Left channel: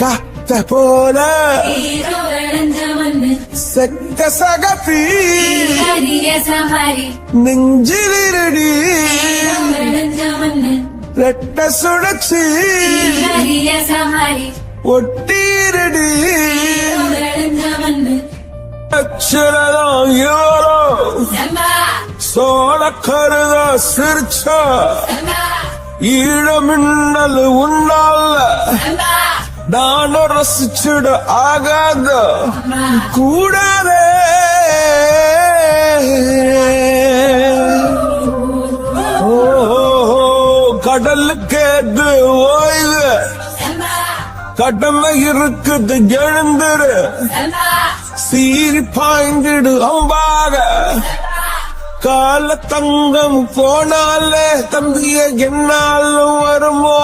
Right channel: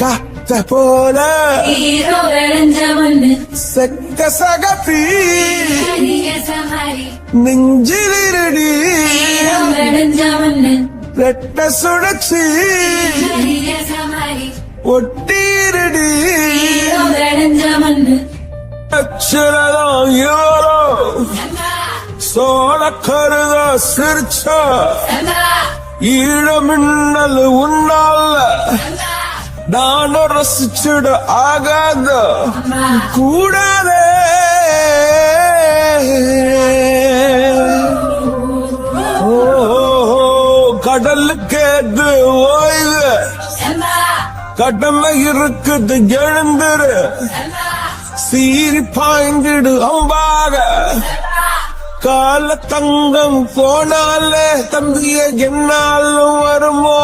காத்த போல செத்த சகத்து நெஞ்சிலிருடி ரெட்ட சுழற்சி ஒட்டீரடி அச்சுரலாம் சோழக்கருதோ சிரிச்சா ஈழமின்னல் உன்னால நானும் ரசிச்சுட ஆகாத கூடவே ஓ கடலுக்கு அது ஓய கடமை இருக்குது எழுந்துரு சீறி பாய்ந்திடு அம்பாக கால தங்கம் போனாலே தம்பிய என்னாலும் வருமோ